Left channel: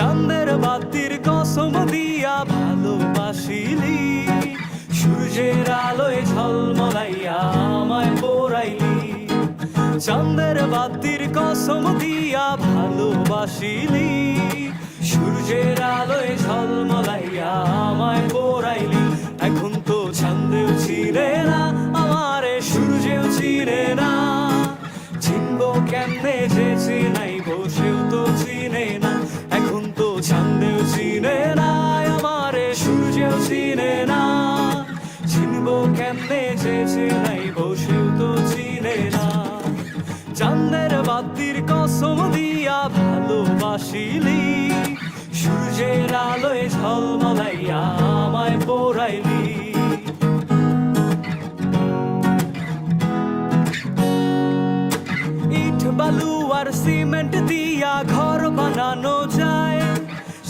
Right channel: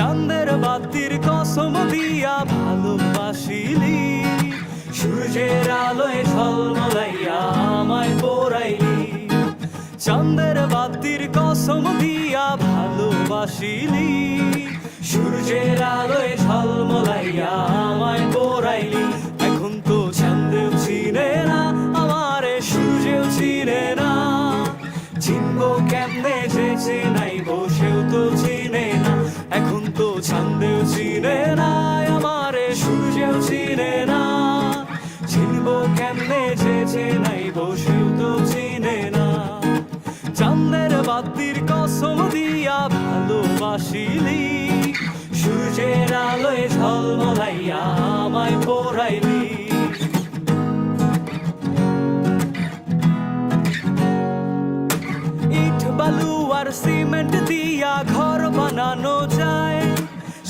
চাঁদের বাতির কসম দিয়া ভালোবাসিলি। সূর্যের আলোয় ঝলমলাইয়া আমায় পোড়াইলি। চাঁদের বাতির কসম দিয়া ভালোবাসিলি। সূর্যের আলোয় ঝলমলাইয়া আমায় পোড়াইলি। এখন তো চাঁদেও চিনে না, আমারে সূর্যেও চিনে না। চিনবো কেমনে যে চিনাই, বসেও তো চিনে না। এখন তো চাঁদেও চিনে না, আমারে সূর্যেও চিনে না। চিনবো কেমনে যে চিনাই, বসেও তো চিনে না। চাঁদের বাতির কসম দিয়া ভালোবাসিলি, সূর্যের আলোয় ঝলমলাইয়া আমায় পোড়াইলি। আর সিমেন্ট দিয়া ঘর বানানো যায়।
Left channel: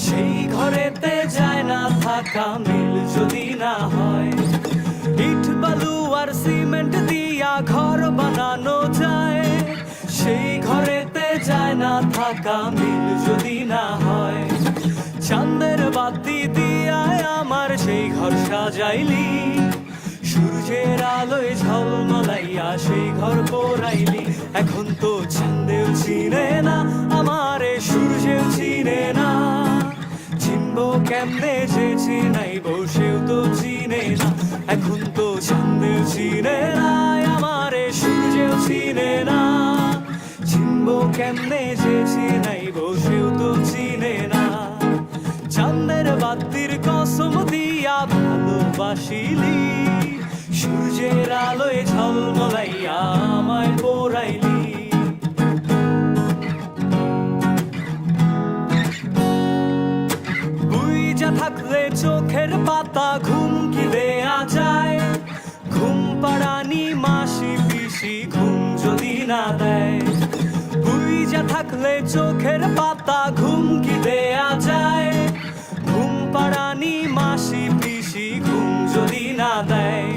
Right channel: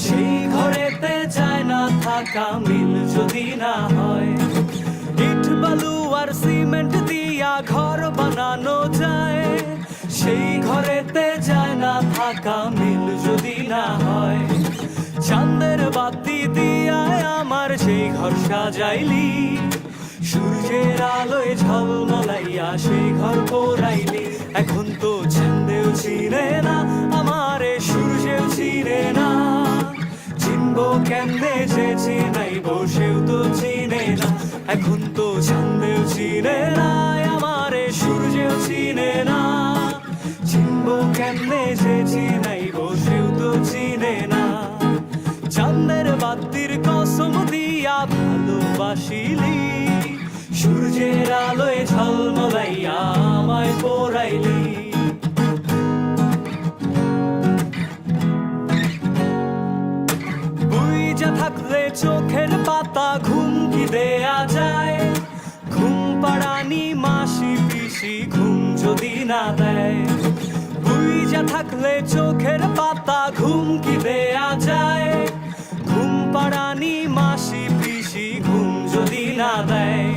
সেই ঘরেতে যায় না থাকা, মিল যদি না হয়। ইট, বালু আর সিমেন্ট দিয়া ঘর বানানো যায়। সেই ঘরেতে যায় না থাকা, মিল যদি না হয়। চাঁদের বাতি দিয়ায় আমার সেই ঘর সাজাইলি। সূর্যের আলোয় ঝলমলাইয়া সেই ঘর পোড়াইলি। এখন তো চাঁদেও চিনে না, আমারে সূর্যেও চিনে না। চিনবো কেমনে যে চিনাই বসেও তো চিনে না। এখন তো চাঁদেও চিনে না, আমারে সূর্যেও চিনে না। চিনবো কেমনে যে চিনাই বসেও তো চিনে না। চাঁদের বাতির কসম দিয়া ভালোবাসিলি। সূর্যের আলোয় ঝলমলাইয়া আমায় পোড়াইলি। বুইজা থাকলে চোখের পাতা ঘুম কি দেয়া যায়। ঘুম পাড়ানি মাসি পিসি ঘুম যদি না দেয়। বুইজা থাকলে চোখের পাতা ঘুম কি দেয়া যায়। ঘুম পাড়ানি মাসি পিসি ঘুম যদি না দেয়।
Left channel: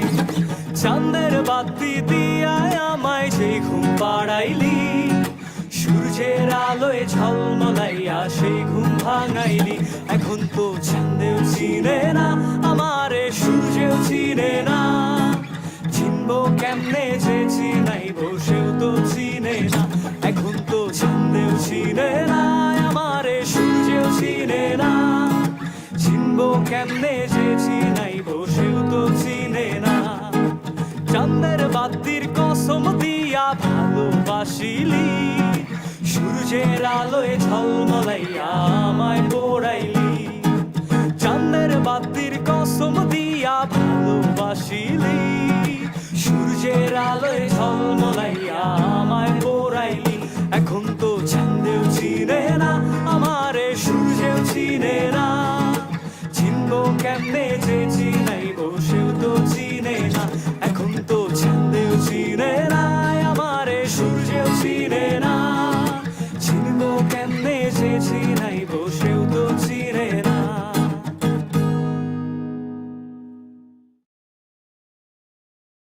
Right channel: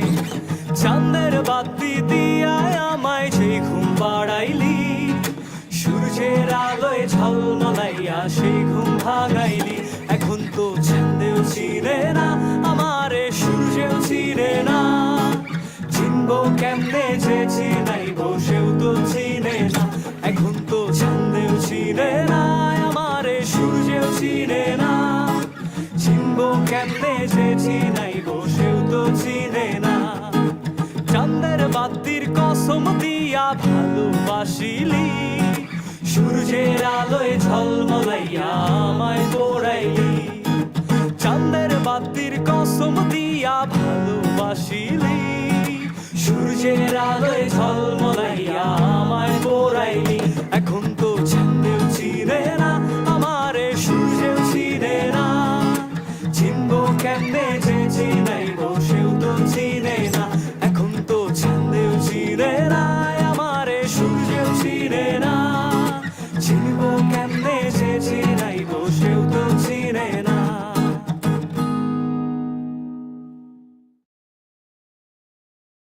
চাঁদের বাতি দিয়ায় আমায় সেই ঘুম পাড়াইলি, সূর্যের আলোয় ঝলমলাইয়া সেই ঘুম ভাঙাইলি। এখন তো চাঁদেও চিনে না, আমারে সূর্যেও চিনে না। চিনবো কেমনে যে চিনাই বসেও তো চিনে না। এখন তো চাঁদেও চিনে না, আমারে সূর্যেও চিনে না। চিনবো কেমনে যে চিনাই বাতির কসম দিয়া ভালোবাসিলি। সূর্যের আলোয় ঝলমলাইয়া আমায় পড়াইলি। চাঁদের বাতির কসম দিয়া ভালোবাসিলি। সূর্যের আলোয় ঝলমলাইয়া আমায় পড়াইলি। এখন তো কেমনে যে চিনাই বসেও তো চিনে না। এখন তো চাঁদেও চিনে না, আমারে সূর্যেও চিনে না। চিনবো কেমনে যে চিনাই বসেও তো